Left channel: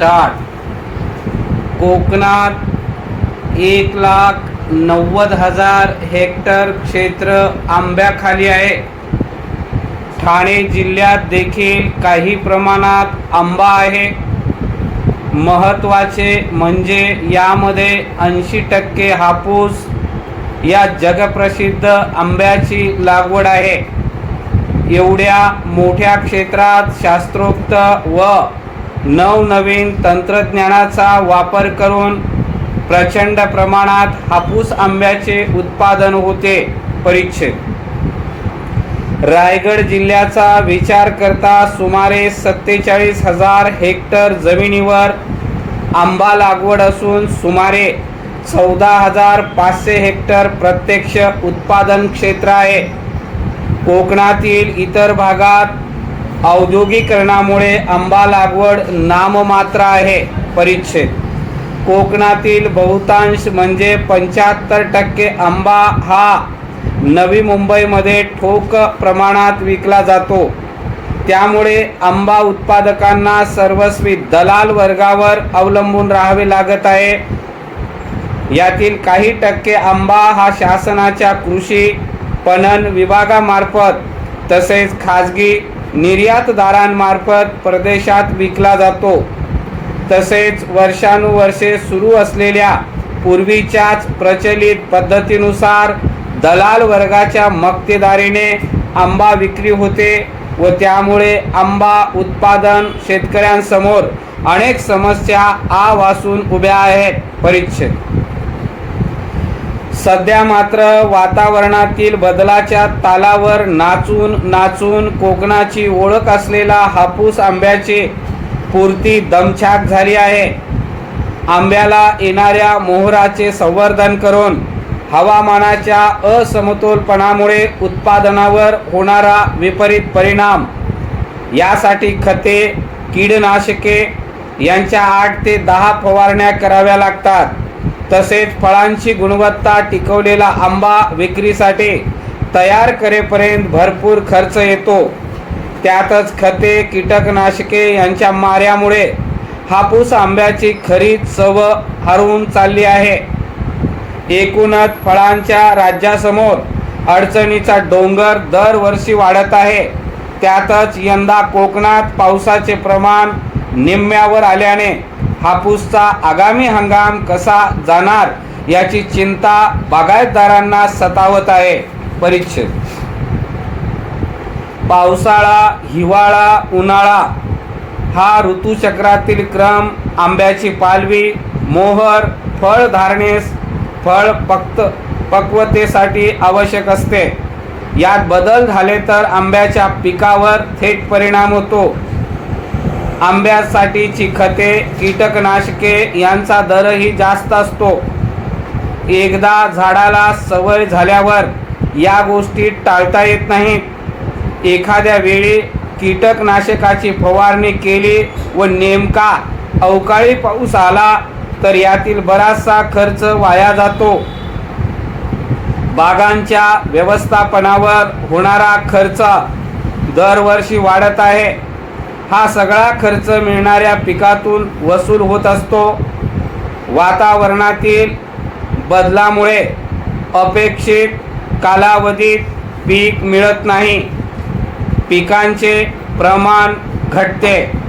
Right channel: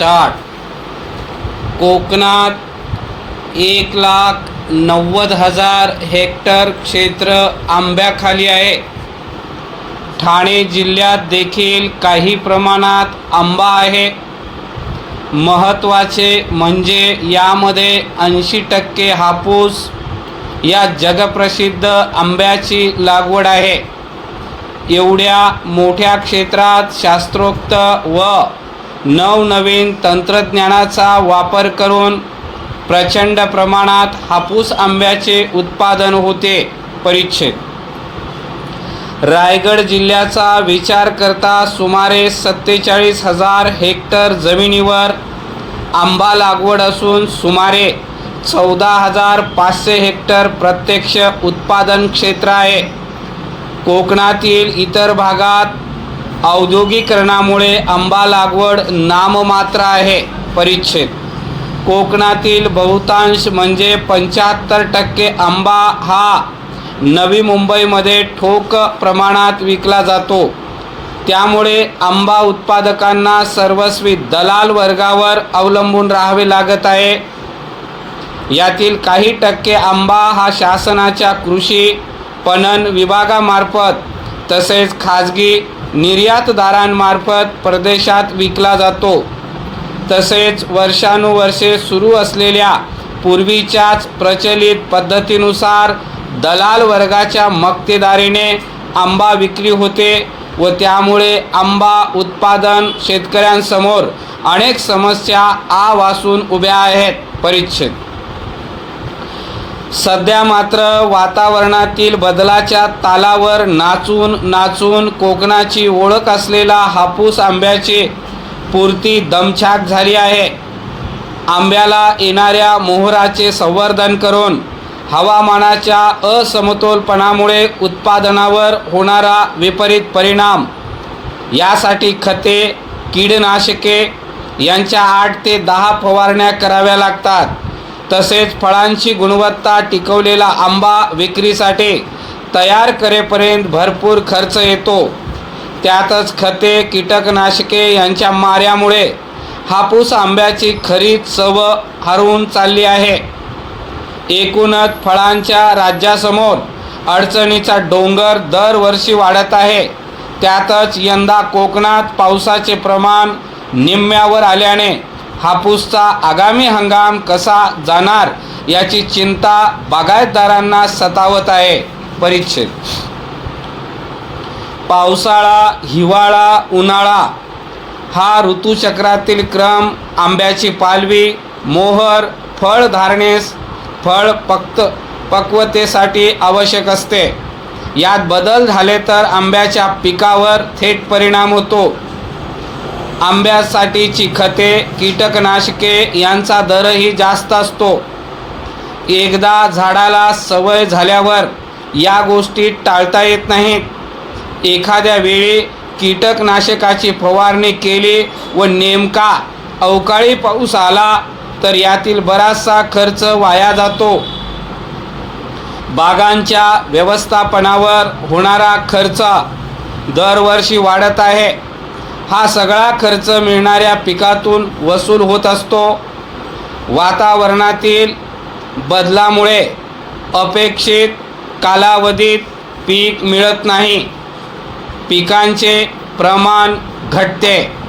Start. कोकणात 1,90,000 hectare क्षेत्र आंब्याखाली आहे. ठाणे जिल्ह्यात देखील काही प्रमाणात आंबा आहे. महत्त्वाचे म्हणजे यामध्ये 80% हापूस या जगप्रसिद्ध आंब्याची लागवड आहे. एवढ्या मोठ्या क्षेत्रात शास्त्रोक्त व नवनवीन तंत्रज्ञानाचा वापर करून प्रचंड प्रमाणात हापूस आंब्याचे उत्पादन होते. परिच्छेद. रायगड जिल्ह्याचा विचार करता सुमारे 47,000 हेक्टर जमिनीवर आंबा लागवड असून सुमारे 14,500 हेक्टर प्रत्यक्ष उत्पादन क्षेत्र आहे. कोकणातील इतर भागात औद्योगिकरणामुळे आंबा लागवड नाममात्र आहे. परिच्छेद. कोकणातील बहुतांश म्हणजे 75% आंबा हा नवी मुंबईमध्ये ठोक प्रमाणात विकला जातो. त्यामुळे आंबा उत्पादकांना सर्वस्वी दलाल वर्गावर अवलंबून राहावे लागत आहे. यातील काही टक्के आंबा हा शासनाच्या कृषी पणन विभागामार्फत तसेच खाजगी निर्यातदारांमार्फत परदेशात विकला जातो. तसेच वर्षानुवर्षे सुरू असलेल्या पूर्वीच्याच प्रचलित पद्धतीनुसार दलाल वर्गाच्या मक्तेदारीने आंबा विक्री होते व त्यामुळे आंबा उत्पादन शेतकऱ्यांसमोर अनेक समस्या आवासून उभ्या आहेत. परिच्छेद. सध्या मात्र वातावरणातील बदलाच्या तालावर नाचून कोकणाची ओळख असलेला हापूस आंब्याची पुरती दमछाक झाली आहे. आंब्याला येणाऱ्या मोहराचे संवर्धन करून हवामानाच्या असमतोलपणामुळे उत्पादनावर होणारा विपरीत परिणाम यासाठी खते, कीडनाशके यांच्या 8 ते 10 फवारण्या कराव्या लागतात. तसेच फळांची गुणवत्ता टिकवलेला आंबा विक्रीसाठी तयार करेपर्यंत भरपूर खर्च येतो. त्यातच खते, कीटकनाशके यांच्या माऱ्यामुळे हापूस आंब्याची खरी चव हरवून चालली आहे. एकूणच फळांच्या राज्यासमोर अडचणीचा डोंगर दरवर्षी वाढत आहे. त्यातच यंदा कोकणात पावसाचे प्रमाण निम्म्यावर आल्याने हापूसचा आगामी हंगाम कसा जाणार याची चिंता बागायतदारांना सतावत आहे. परिच्छेद. पावसाळा, हिवाळा, उन्हाळा हा ऋतुचक्रातील क्रम आंब्याची पालवी, मोहर, फळ धारणेस, फळ पक्वतेसाठी आवश्यक असते. यात बदल झाले तर आंब्याच्या पिकावर थेट परिणाम होतो. आंब्यासाठीची खते, कीटकनाशके यांचा दरही जास्त असतो. एकदा झाडाला सवय झाल्यावर या गोष्टी टाळता येत नाहीत. एखाद्या वेळी कीटकनाशकाची फवारणी केली व नेमका अवकाळी पाऊस आला तर यातील बराचसा खर्च वाया जातो. बागांच्या व्यवस्थापनावर होणारा खर्च दरवर्षी वाढत आहे. हा सगळा खर्च मिळणाऱ्या पिकातून वसूल होत असतो. वातावरणातील बदलामुळे अपेक्षित कालावधीत पीक मिळत नाही. पिकांचे प्रमाण घटते.